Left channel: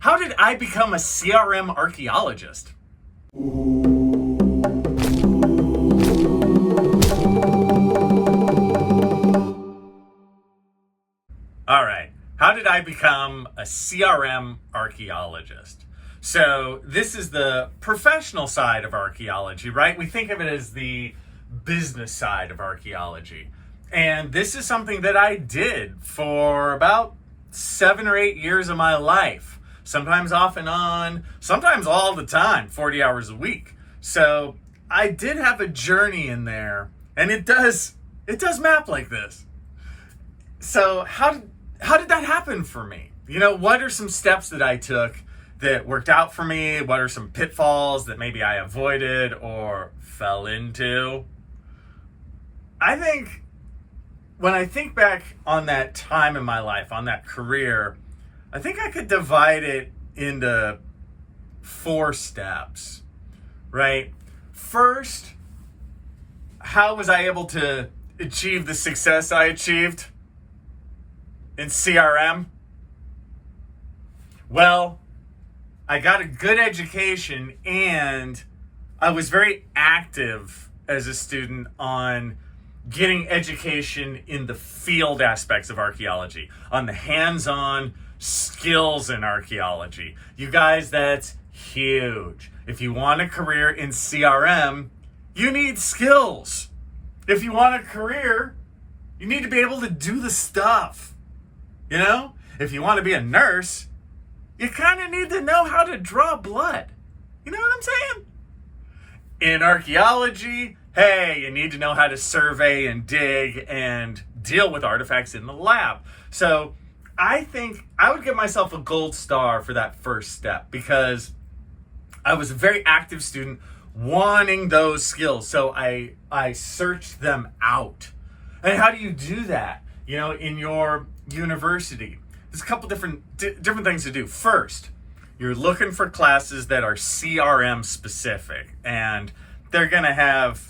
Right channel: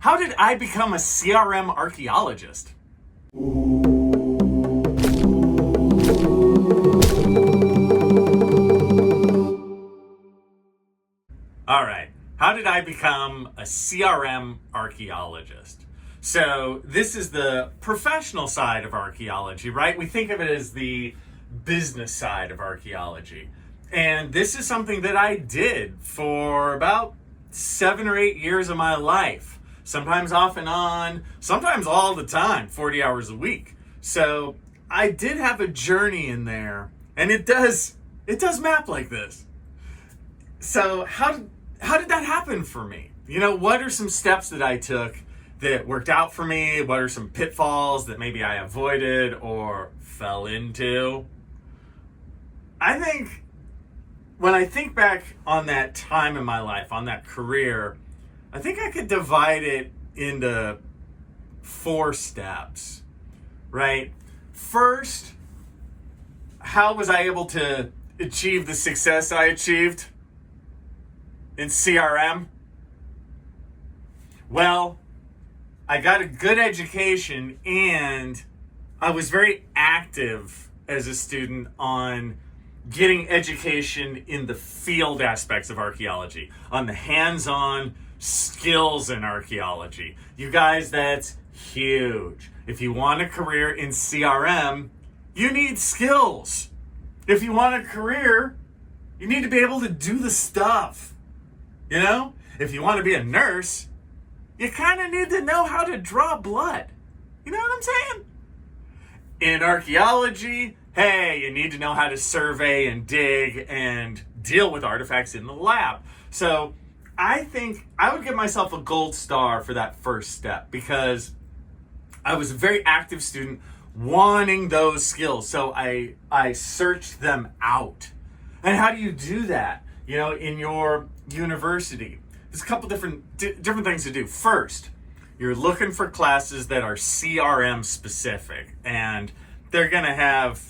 How did I become a CRM archaeologist? All right, how did I become a CRM archaeologist? So this is the professional side of archaeology, right? We think of it as the business side of archaeology. And this is something that I did for about 7 or 8 years of my life. Sometimes off and on, sometimes all the time, 40 hours a week. So I did have a journey in there, and it does map like this. So how did that happen for me? You know, what are some steps that I took that worked out for me? What are some pitfalls that maybe I avoided or fell into? I think when I think back on that time in my life, on that career, I think I could divide it into 4 steps, right? First, how was I able to achieve the success I achieved in CRM? Well, I got a good education and I was very active as a student on getting education in the field aspects of archaeology, on the hands-on skills in archaeology. You guys, that's huge. If you want a career in CRM, you need skills. If you want a career, you need to be able to do the stuff. You know, if you want to be a nurse, you kind of need to know how to draw blood. You know what I'm saying? In archaeology, hey, you need to know how to survey and dig and deal with artifacts in the lab. So I think I would give myself a gold star for that first step because I was a very active student wanting those skills. So I searched them out. And how do you do that? You know, in your university, there's a couple different things to do. First, you're looking for classes that are CRM specific, and they're going to have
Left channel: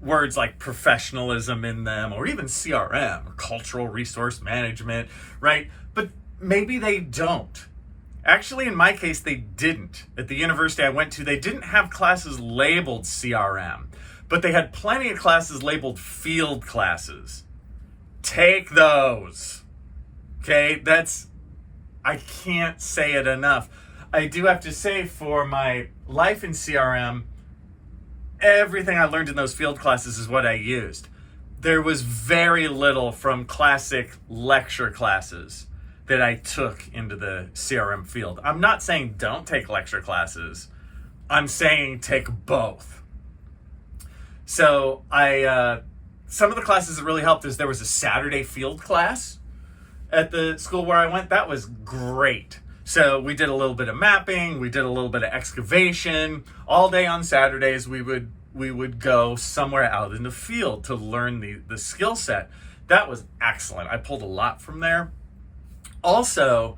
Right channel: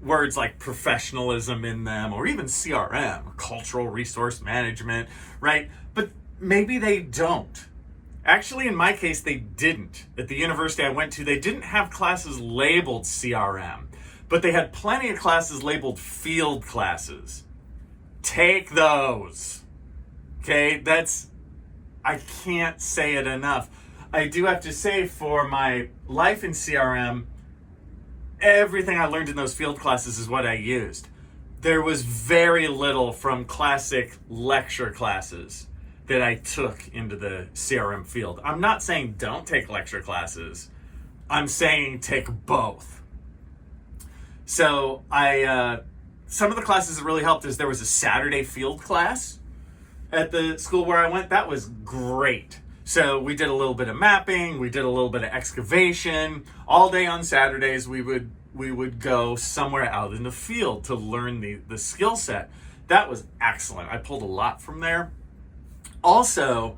words like professionalism in them, or even CRM, or cultural resource management, right? But maybe they don't. Actually, in my case, they didn't. At the university I went to, they didn't have classes labeled CRM, but they had plenty of classes labeled field classes. Take those. Okay, I can't say it enough. I do have to say, for my life in CRM, everything I learned in those field classes is what I used. There was very little from classic lecture classes that I took into the CRM field. I'm not saying don't take lecture classes. I'm saying take both. So some of the classes that really helped is there was a Saturday field class at the school where I went. That was great. So we did a little bit of mapping, we did a little bit of excavation. All day on Saturdays, we would go somewhere out in the field to learn the skill set. That was excellent. I pulled a lot from there. Also,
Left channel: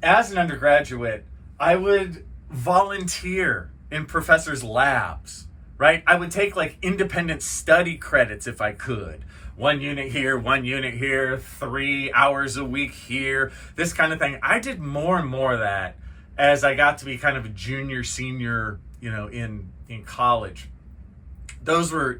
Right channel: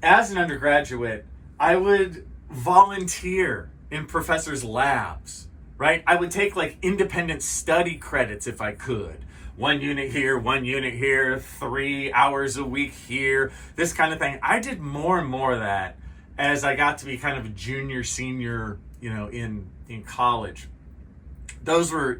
as an undergraduate, I would volunteer in professors' labs, right? I would take like independent study credits if I could. 1 unit here, 3 hours a week here, this kind of thing. I did more and more of that as I got to be kind of a junior, senior, you know, in college. Those were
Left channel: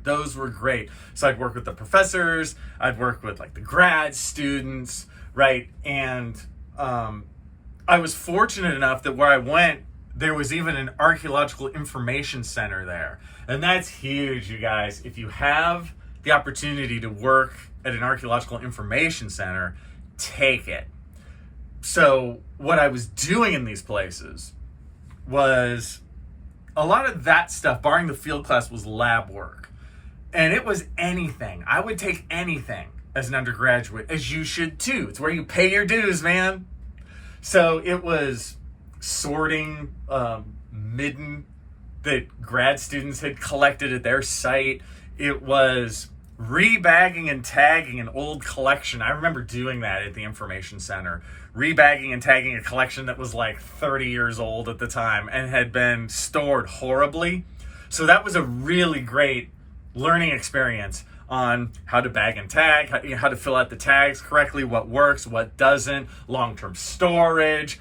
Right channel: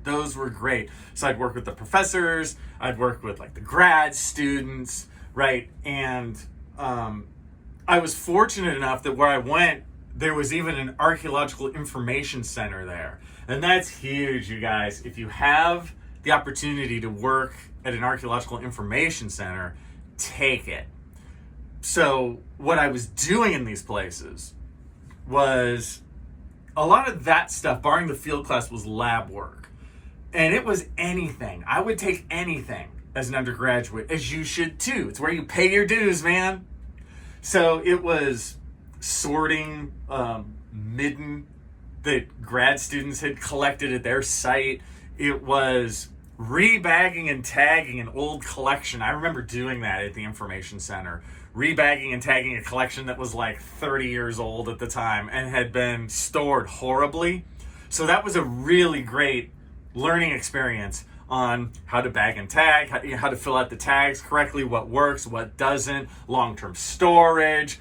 great. So I'd work with the professors, I'd work with like the grad students, right? And I was fortunate enough that where I went, there was even an archaeological information center there. And that's huge, you guys. If you have the opportunity to work at an archaeological information center, take it. So what I was doing in these places was a lot of that stuff, barring the field class, was lab work. And it was anything. I would take anything as an undergraduate, as you should too. It's where you pay your dues, man. So it was sorting midden that grad students had collected at their site. It was rebagging and tagging an old collection. I remember doing that at the information center. Rebagging and tagging a collection that was like 30 years old at the time and had been stored horribly. So that was a really great learning experience on how to bag and tag, how to fill out the tags correctly, what works, what doesn't, long-term storage,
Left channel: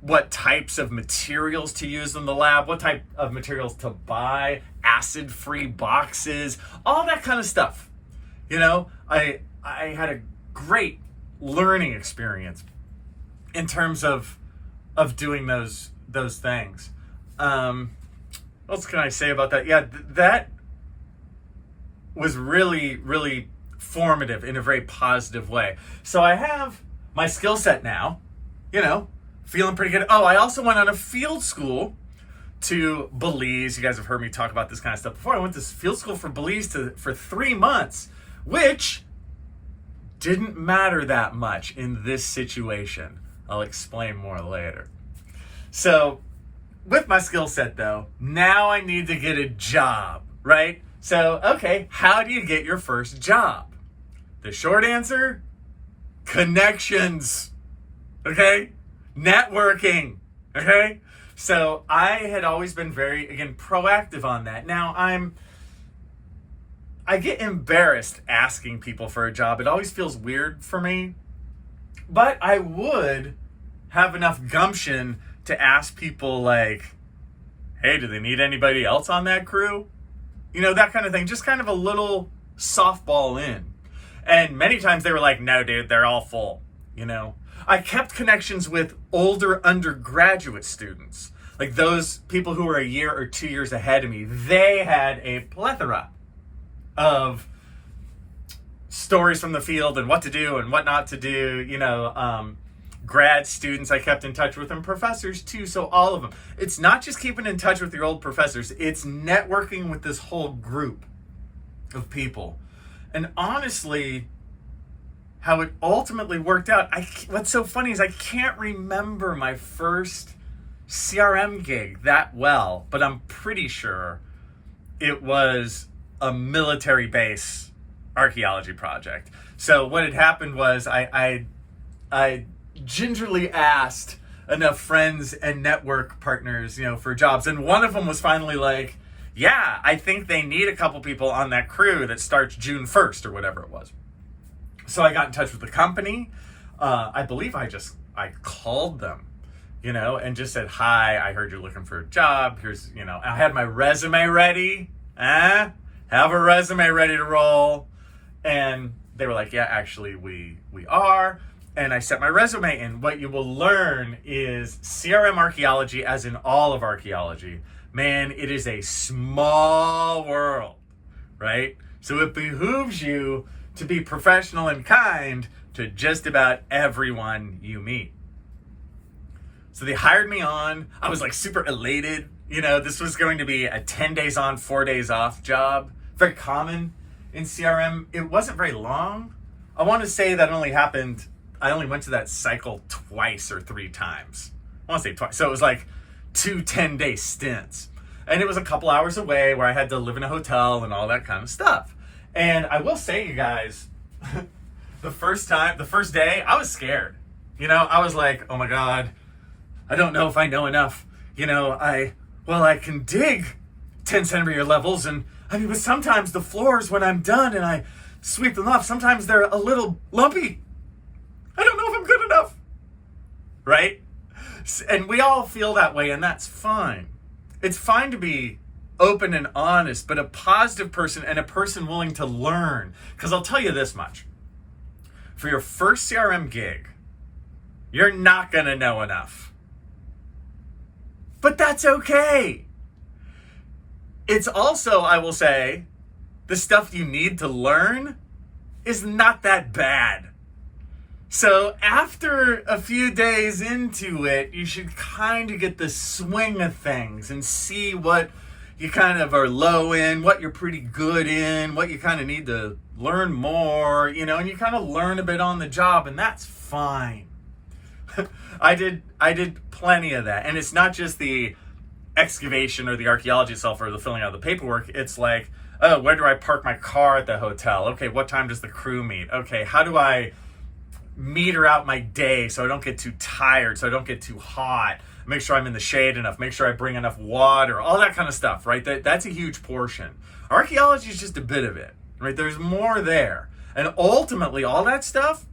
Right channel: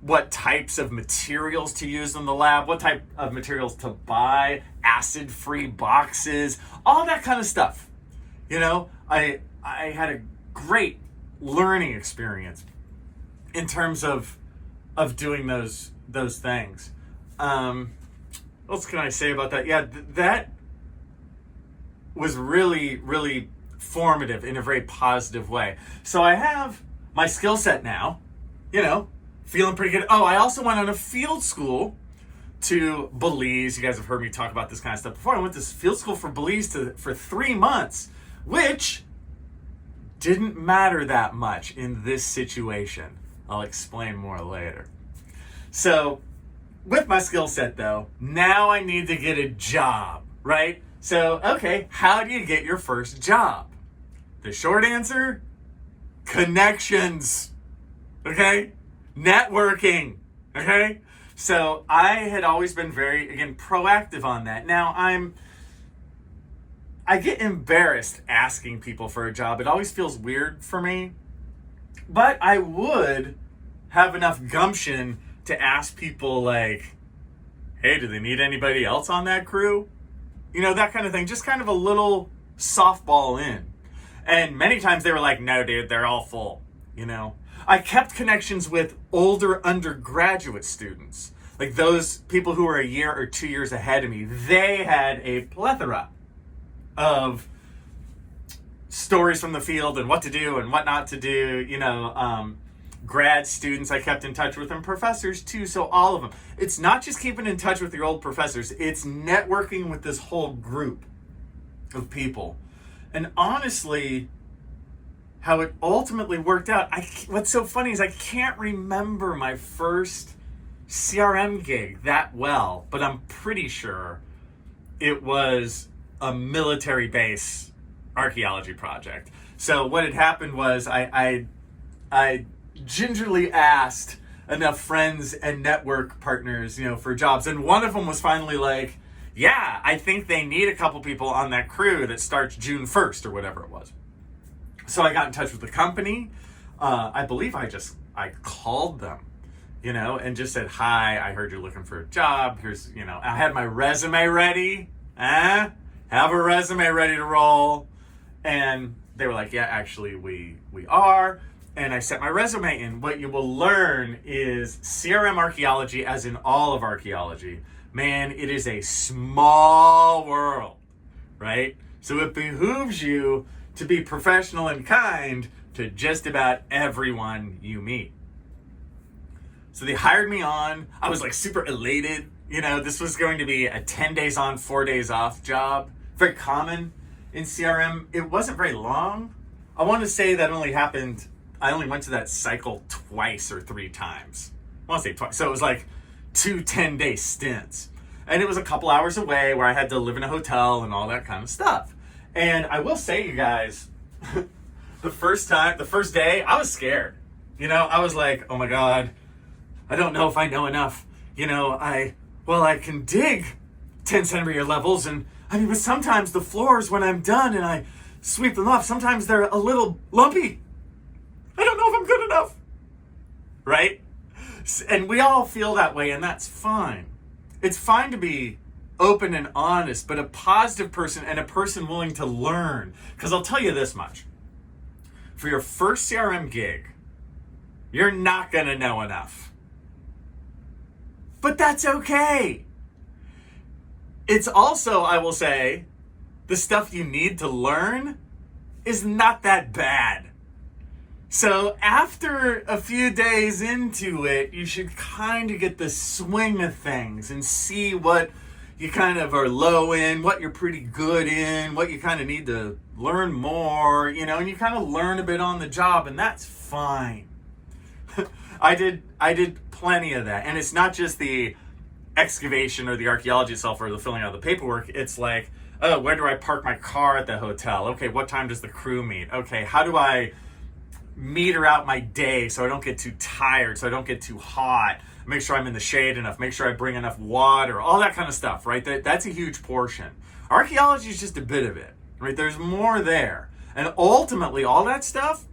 what types of materials to use in the lab, what type of materials to buy, acid-free boxes, all that kind of stuff. I had a great learning experience in terms of doing those things. What else can I say about that? Yeah, that was really, really formative in a very positive way. So I have my skill set now, feeling pretty good. Oh, I also went on a field school to Belize. You guys have heard me talk about this kind of stuff before. I went to field school for Belize for 3 months, which didn't matter that much in this situation. I'll explain more later. So with my skill set though, now I need to get a job, right? So, okay, how do you get your first job? The short answer, connections, okay? Networking, okay? So I had always been very, again, proactive on that. Now I get embarrassed asking people for a job. It always feels weird for me, but I would have enough gumption to ask people like, hey, do they need anybody else on that crew? That kind of thing, just kind of a little softball in. And many times they were like, no, dude, they're all full, I kept connections with older undergraduate students, like those people who were a year or 2 years ahead of me. They had a plethora of stories from the field and what to do and what not to do, grad students I kept in touch with, and professors too. So all of them. It's not just keeping in touch with your old professors, it's networking with this whole group of people. And honestly, how it ultimately worked out, what's so funny is I can't remember my first CRM gig that well, but I'm pretty sure it was a military base archaeology project. So what had happened was I gingerly asked enough friends and network partners, for jobs. And one of them was finally like, yeah, I think they need a couple people on that crew that starts June 1st or whatever it was. So I got in touch with the company. I believe I called them, and just said, hi, I heard you're looking for a job. Here's, I had my resume ready. Have a resume ready to roll. And they were like, yeah, actually we are. And I set my resume in. What you will learn is CRM Archaeology, as in all of archaeology, man, it is a small world, right? So it behooves you to be professional and kind to just about everyone you meet. So they hired me on. I was like super elated. This was going to be a 10 days on, 4 days off job. Very common in CRM. It wasn't very long. I want to say that I only went to that cycle twice or 3 times. I want to say twice. So it was like 2 10-day stints. And it was a couple hours away where I had to live in a hotel and all that kind of stuff. And I will say, you guys, the first day, I was scared. I was like, oh my God, I don't know if I know enough. I can dig 10 centimeter levels. But sometimes the floors, when I'm done and I sweep them off, sometimes they're a little lumpy. I don't know if I'm good enough. Right? And we all feel that way, and that's fine. It's fine to be open and honest, but a positive person and a person willing to learn. Because I'll tell you this much. For your first CRM gig, you're not going to know enough. But that's okay. It's also, I will say, the stuff you need to learn is not that bad. So after a few days into it, you should kind of get the swing of things and see what you kind of are low in, what you're pretty good in, what you kind of need to learn more, and you kind of learn a bit on the job, and that's fine. I did plenty of that. And it's not just the excavation or the archaeology itself or the filling out of the paperwork. It's like, oh, where do I park my car at the hotel? Okay, what time does the crew meet? Okay, how do I meter out my day so I don't get too tired, so I don't get too hot, make sure I'm in the shade enough, make sure I bring enough water, all that kind of stuff, right? That's a huge portion. Archaeology is just a bit of it, right? There's more there. And ultimately, all that stuff,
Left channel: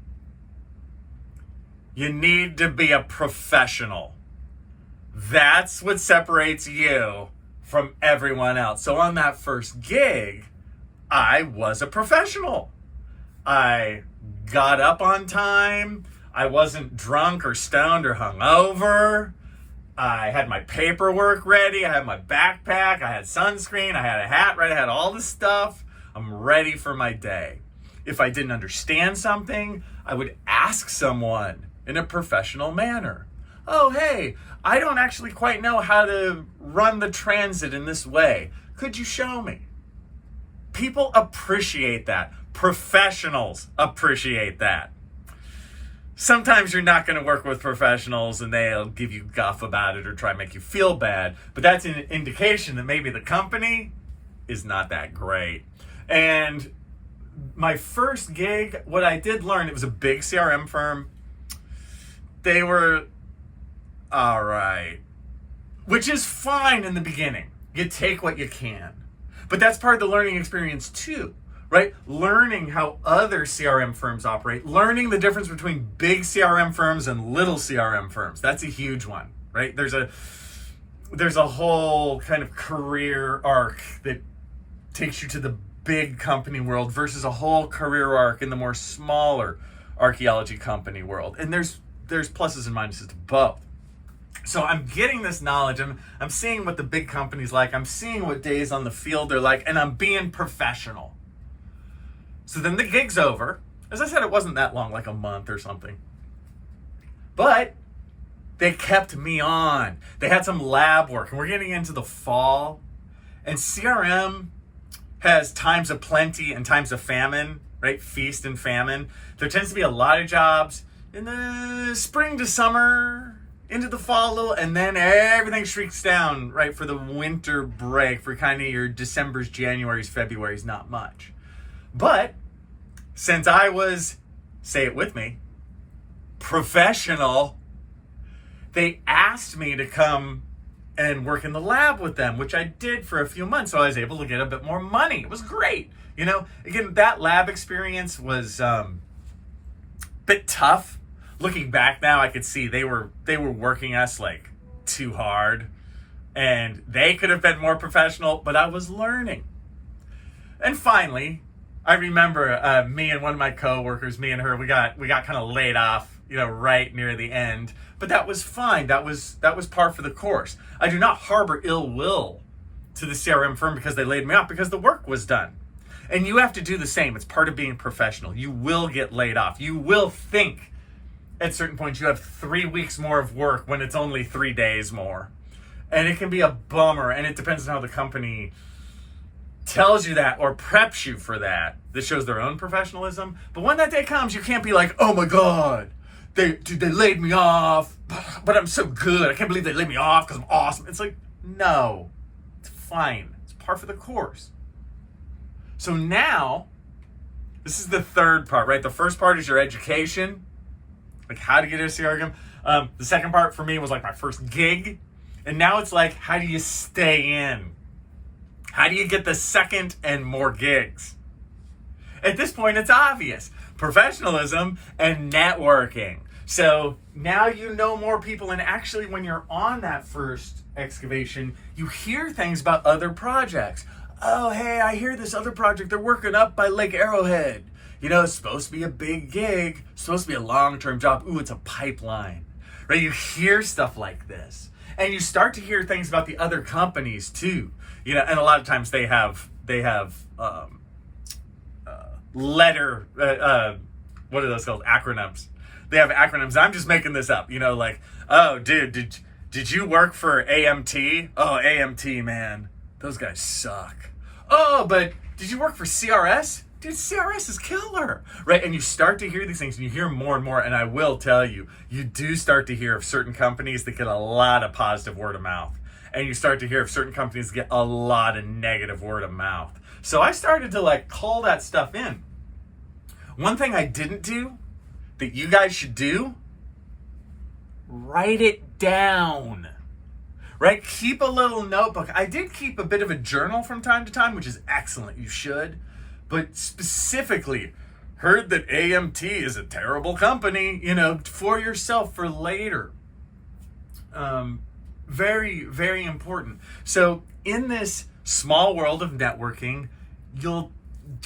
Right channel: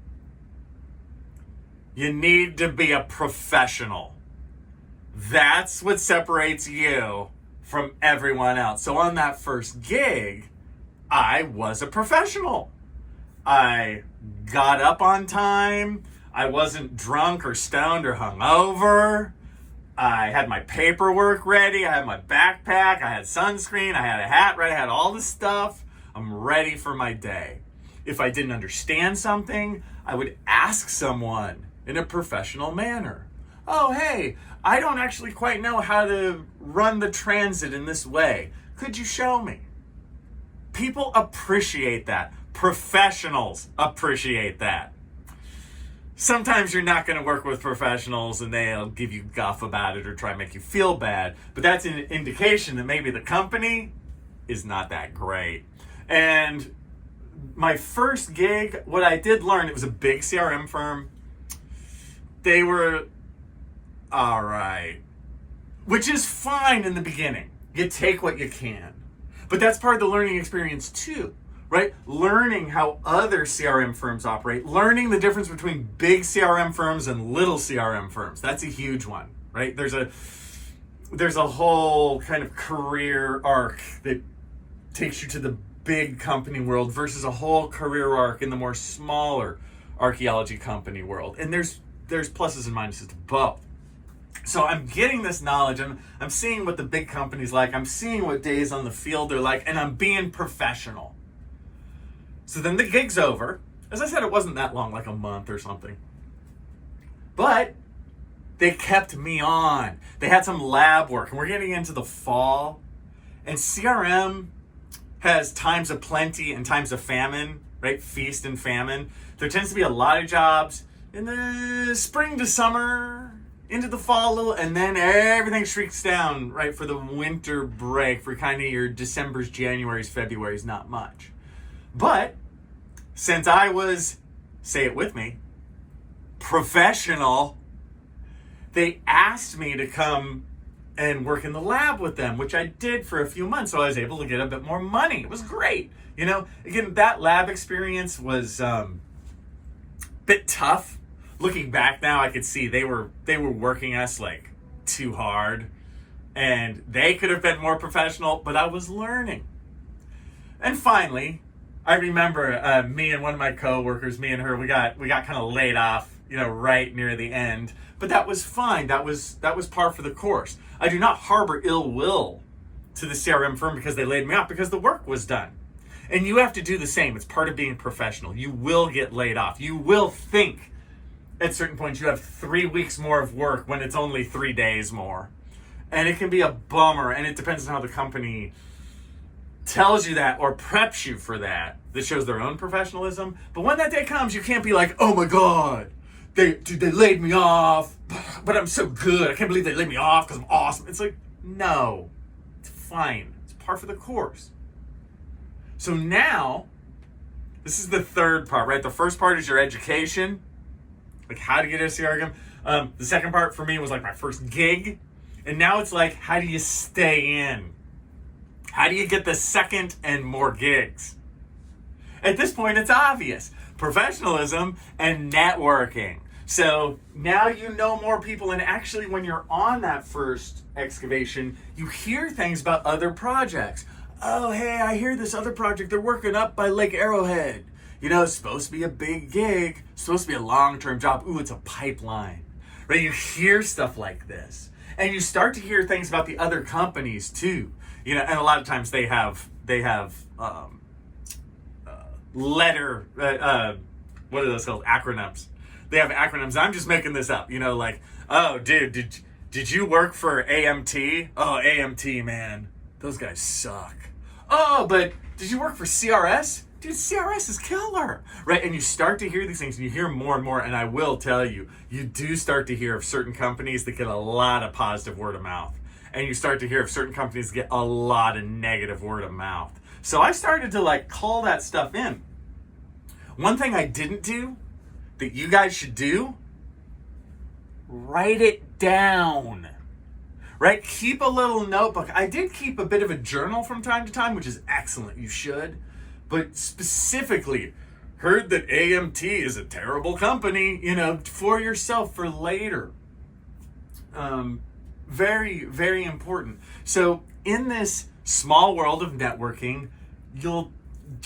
you need to be a professional That's what separates you from everyone else. So on that first gig, I was a professional. I got up on time. I wasn't drunk or stoned or hungover. I had my paperwork ready. I had my backpack. I had sunscreen. I had a hat ready. I had all the stuff. I'm ready for my day. If I didn't understand something, I would ask someone in a professional manner. Oh, hey, I don't actually quite know how to run the transit in this way. Could you show me? People appreciate that. Professionals appreciate that. Sometimes you're not going to work with professionals and they'll give you guff about it or try to make you feel bad, but that's an indication that maybe the company is not that great. And my first gig, what I did learn, it was a big CRM firm. They were all right, which is fine in the beginning. You take what you can, but that's part of the learning experience too. Right? Learning how other CRM firms operate, learning the difference between big CRM firms and little CRM firms. That's a huge one, right? There's a whole kind of career arc that takes you to the big company world versus a whole career arc in the more smaller archaeology company world. And there's pluses and minuses to both. So I'm getting this knowledge, and I'm seeing what the big company's like. I'm seeing what days on the field they're like, and I'm being professional. So then the gig's over. As I said, it wasn't that long, like a month or something. But they kept me on. They had some lab work, and we're getting into the fall. And CRM has times of plenty and times of famine, right? Feast and famine. There tends to be a lot of jobs in the spring to summer, into the fall a little, and then everything shrieks down, right, for the winter break, for kind of your Decembers, Januaries, Februaries, not much. But since I was, say it with me, professional, they asked me to come and work in the lab with them, which I did for a few months. So I was able to get a bit more money. It was great. You know, again, that lab experience was a bit tough. Looking back now, I could see they were working us like too hard, and they could have been more professional, but I was learning. And finally, I remember me and one of my coworkers, me and her, we got kind of laid off, you know, right near the end. But that was fine. That was par for the course. I do not harbor ill will to the CRM firm because they laid me off, because the work was done. And you have to do the same. It's part of being professional. You will get laid off. You will think at certain points you have 3 weeks more of work when it's only 3 days more. And it can be a bummer, and it depends on how the company tells you that or preps you for that. That shows their own professionalism. But when that day comes, you can't be like, oh my God, they laid me off, but I'm so good. I can't believe they laid me off because I'm awesome. It's like, no, it's fine. It's par for the course. So now, this is the third part, right? The first part is your education, like how to get a CRM. The second part for me was like my first gig. And now it's like, how do you stay in? How do you get the second and more gigs? At this point, it's obvious. Professionalism and networking. So now you know more people, and actually when you're on that first excavation, you hear things about other projects. Oh, hey, I hear this other project they're working up by Lake Arrowhead. You know, it's supposed to be a big gig, it's supposed to be a long-term job. Ooh, it's a pipeline, right? You hear stuff like this, and you start to hear things about the other companies too. You know, and a lot of times they have letter, what are those called? Acronyms. They have acronyms. I'm just making this up. You know, like, oh, dude, did you work for AMT? Oh, AMT, man, those guys suck. Oh, but did you work for CRS? Dude, CRS is killer, right? And you start to hear these things, and you hear more and more. And I will tell you, you do start to hear of certain companies that get a lot of positive word of mouth. And you start to hear of certain companies that get a lot of negative word of mouth. So I started to like call that stuff in. One thing I didn't do that you guys should do, write it down, right? Keep a little notebook. I did keep a bit of a journal from time to time, which is excellent. You should. But specifically, heard that AMT is a terrible company, you know, for yourself for later. Very, very important. So in this small world of networking, you'll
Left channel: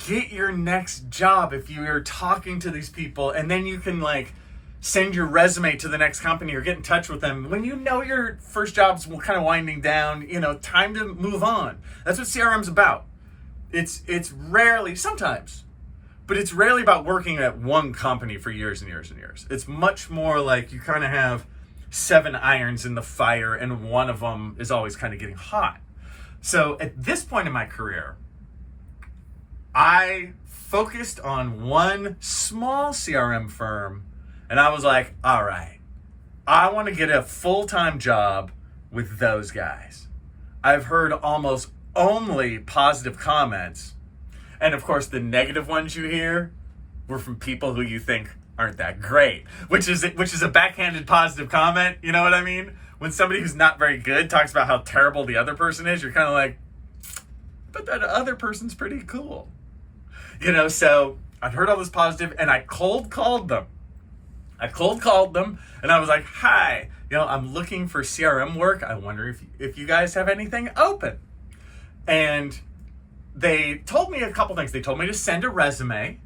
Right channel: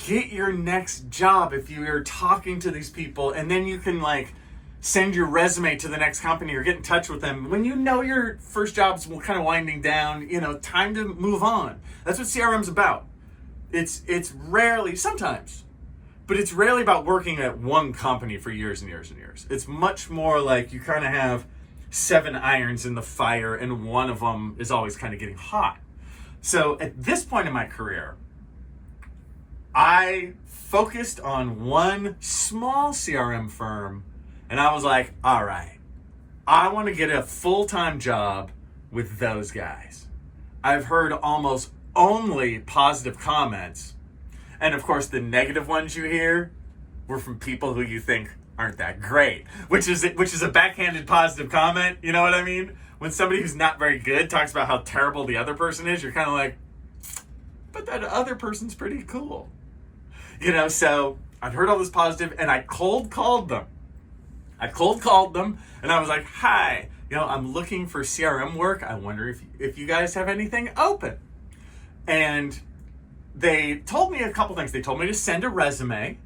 get your next job if you are talking to these people, and then you can like send your resume to the next company or get in touch with them when you know your first job's kind of winding down, time to move on. That's what CRM's about. It's rarely, sometimes, but it's rarely about working at one company for years and years and years. It's much more like you kind of have 7 irons in the fire and one of them is always kind of getting hot. So at this point in my career, I focused on one small CRM firm, and I was like, all right, I want to get a full-time job with those guys. I've heard almost only positive comments, and of course the negative ones you hear were from people who you think aren't that great, which is a backhanded positive comment. You know what I mean? When somebody who's not very good talks about how terrible the other person is, you're kind of like, but that other person's pretty cool. So I'd heard all this positive, and I cold called them. And I was like, hi, I'm looking for CRM work. I wonder if you guys have anything open. And they told me a couple things. They told me to send a resume,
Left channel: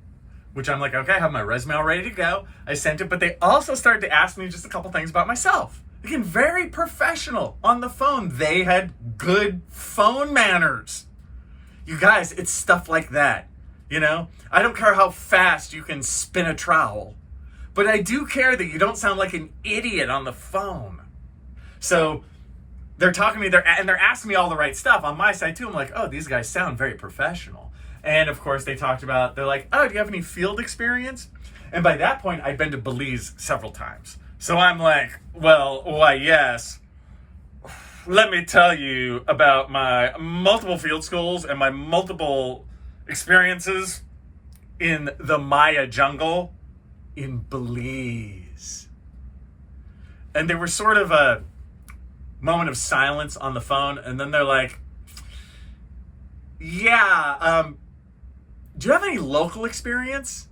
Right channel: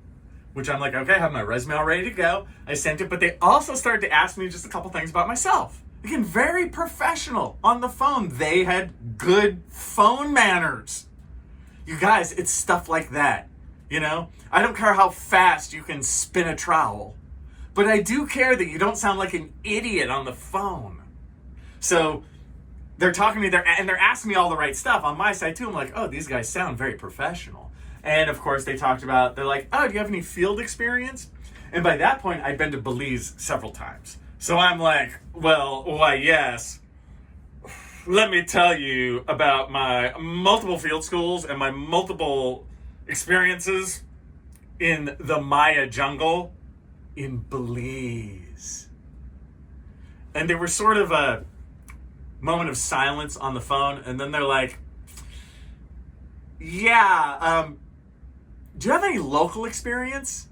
which I'm like, okay, I have my resume all ready to go. I sent it, but they also started to ask me just a couple things about myself. Again, very professional on the phone. They had good phone manners. You guys, it's stuff like that. I don't care how fast you can spin a trowel, but I do care that you don't sound like an idiot on the phone. So they're talking to me there, and they're asking me all the right stuff on my side too. I'm like, oh, these guys sound very professional. And of course they talked about, they're like, oh, do you have any field experience? And by that point, I'd been to Belize several times. So I'm like, well, why, yes. Let me tell you about my multiple field schools and my multiple experiences in the Maya jungle in Belize. And there was sort of a moment of silence on the phone, and then they're like, yeah, do you have any local experience?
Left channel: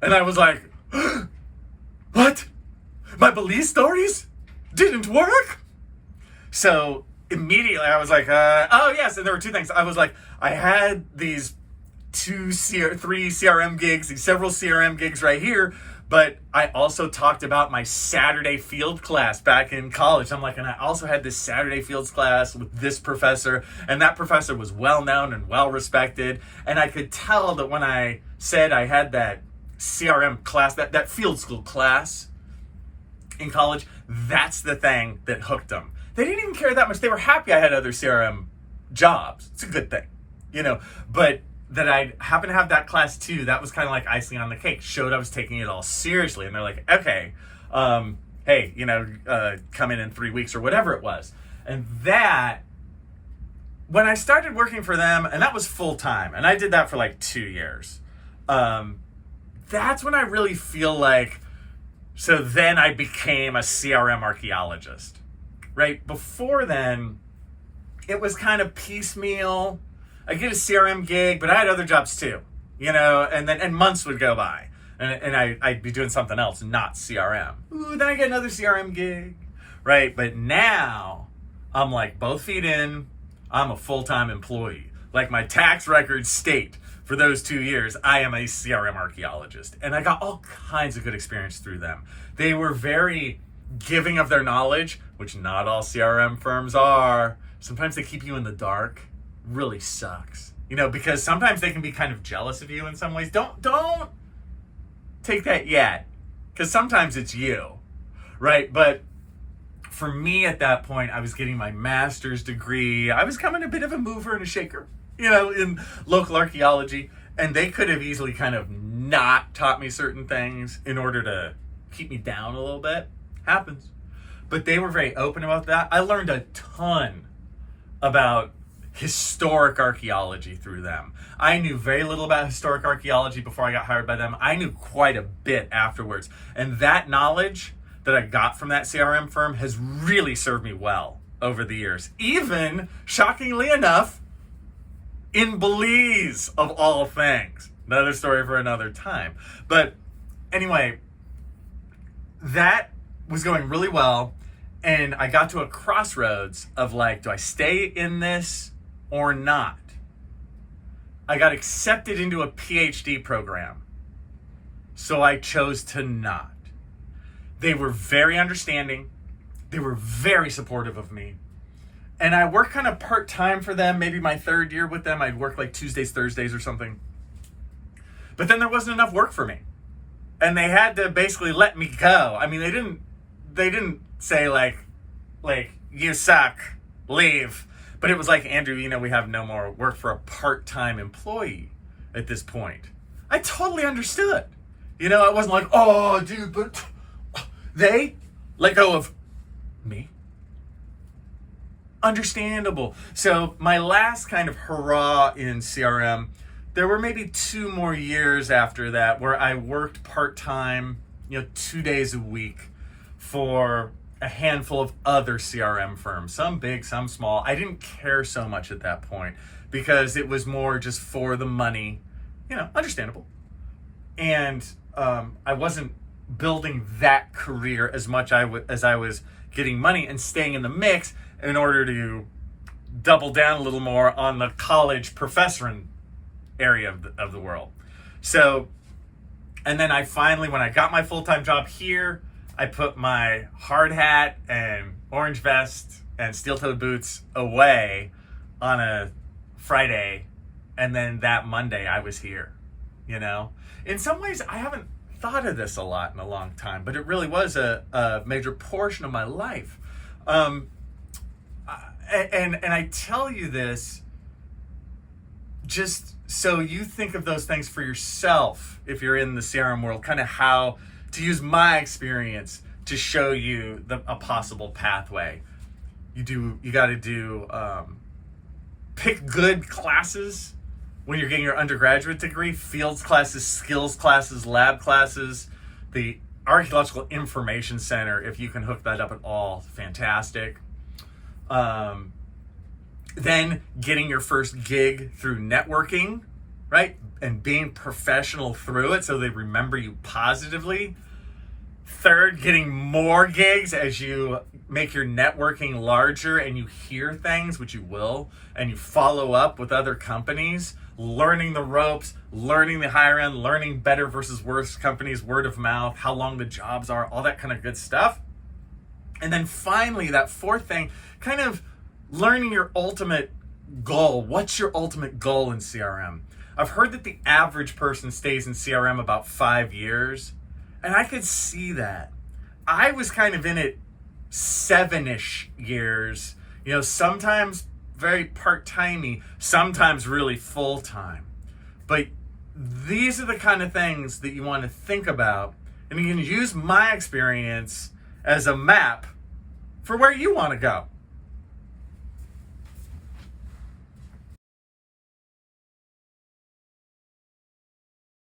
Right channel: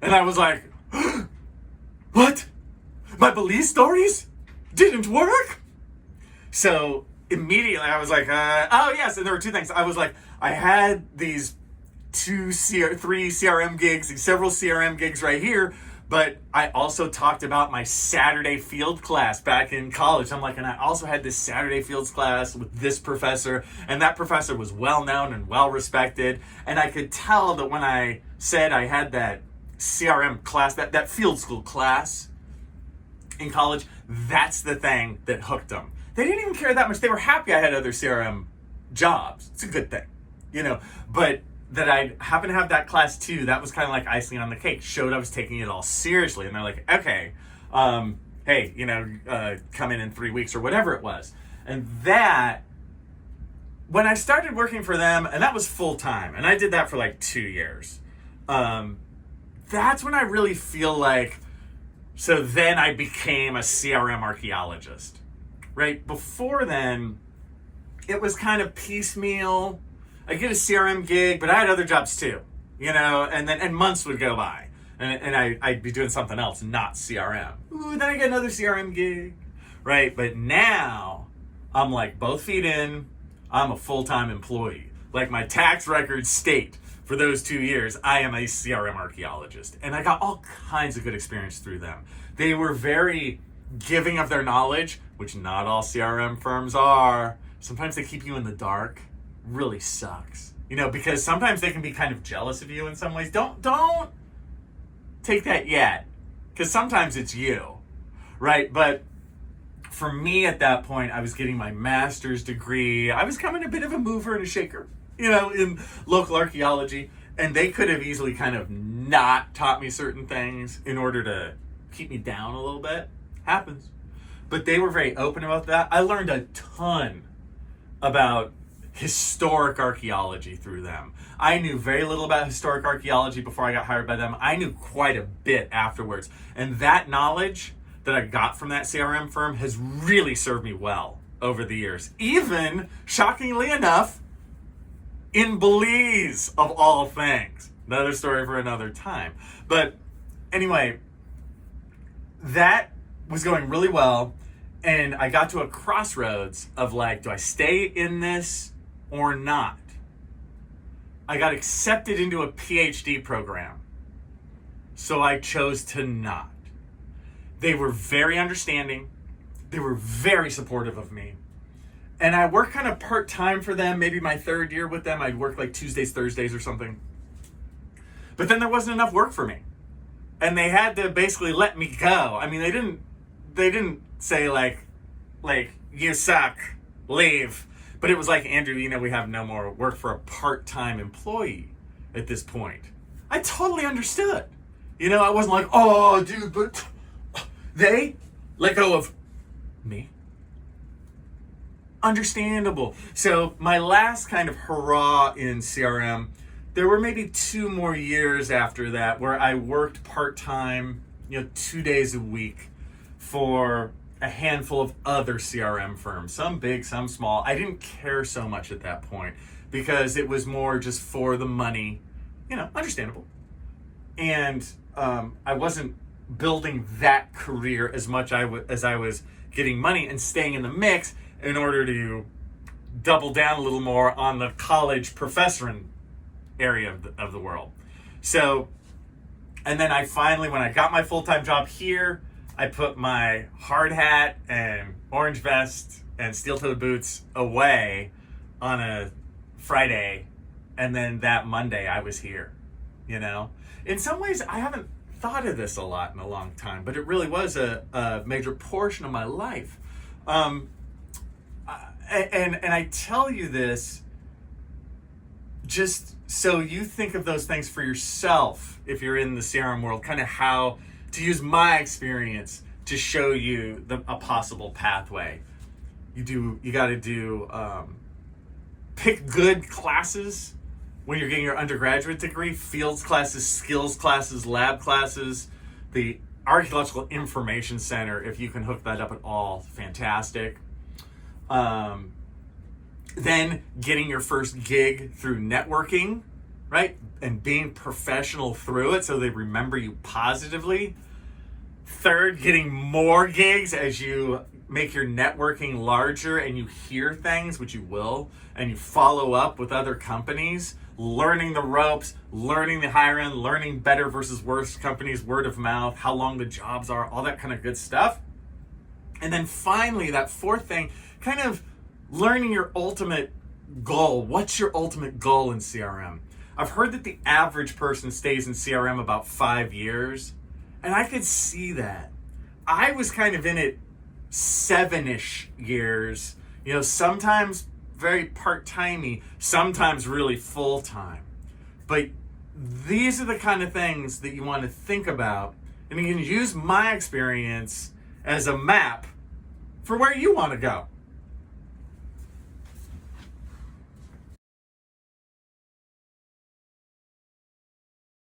And I was like, what? My Belize stories didn't work? So immediately I was like, oh yes, and there were 2 things. I was like, I had these 3 CRM gigs, several CRM gigs right here, but I also talked about my Saturday field class back in college. I'm like, and I also had this Saturday fields class with this professor, and that professor was well known and well respected. And I could tell that when I said I had that CRM class, that field school class in college, that's the thing that hooked them. They didn't even care that much. They were happy I had other CRM jobs. It's a good thing, but that I happened to have that class too, that was kind of like icing on the cake. Showed I was taking it all seriously. And they're like, okay, hey, come in 3 weeks or whatever it was. And that, when I started working for them, and that was full time, and I did that for like 2 years. That's when I really feel like, so then I became a CRM archaeologist, right? Before then, it was kind of piecemeal. I get a CRM gig, but I had other jobs too, and months would go by, and I'd be doing something else, not CRM. Ooh, then I get another CRM gig, right? But now I'm like both feet in. I'm a full-time employee. Like my tax records state, for those 2 years, I am a CRM archaeologist, and I got all kinds of good experience through them. They were very giving of their knowledge, which not all CRM firms are. Sometimes they keep you in the dark. Really sucks, because sometimes they can be kind of jealous of you in some ways. Don't take that yet, because sometimes it's you, right? But for me at that point, I was getting my master's degree. I was becoming a bit of a mover and a shaker, in local archaeology, and they could have easily kind of not taught me certain things in order to keep me down a little bit. Happens. But they were very open about that. I learned a ton about historic archaeology through them. I knew very little about historic archaeology before I got hired by them. I knew quite a bit afterwards. And that knowledge that I got from that CRM firm has really served me well over the years. Even, shockingly enough, in Belize, of all things. Another story for another time. But anyway, that was going really well. And I got to a crossroads of like, do I stay in this or not? I got accepted into a PhD program, so I chose to not. They were very understanding. They were very supportive of me. And I worked kind of part-time for them, maybe my third year with them. I'd work like Tuesdays, Thursdays or something. But then there wasn't enough work for me. And they had to basically let me go. I mean, they didn't say like, you suck, leave. But it was like, Andrew, we have no more work for a part-time employee at this point. I totally understood. I wasn't like, oh, dude, but they let go of me. Understandable. So my last kind of hurrah in CRM, there were maybe 2 more years after that where I worked part-time, 2 days a week for a handful of other CRM firms, some big, some small. I didn't care so much at that point because it was more just for the money, understandable. And I wasn't building that career as much as I was getting money and staying in the mix in order to double down a little more on the college professoring area of the world. So, and then I finally, when I got my full-time job here, I put my hard hat and orange vest and steel-toed boots away on a Friday, and then that Monday I was here, In some ways, I haven't thought of this a lot in a long time, but it really was a major portion of my life. And I tell you this just so you think of those things for yourself if you're in the CRM world, kind of how to use my experience to show you a possible pathway. You got to do pick good classes when you're getting your undergraduate degree, fields classes, skills classes, lab classes, the Archaeological Information Center, if you can hook that up at all, fantastic. Then getting your first gig through networking, right? And being professional through it so they remember you positively. Third, getting more gigs as you make your networking larger and you hear things, which you will, and you follow up with other companies, learning the ropes, learning the higher end, learning better versus worse companies, word of mouth, how long the jobs are, all that kind of good stuff. And then finally, that fourth thing, kind of learning your ultimate goal. What's your ultimate goal in CRM? I've heard that the average person stays in CRM about 5 years, and I could see that. I was kind of in it 7-ish years, sometimes very part-timey, sometimes really full-time. But these are the kind of things that you want to think about, and you can use my experience as a map for where you want to go.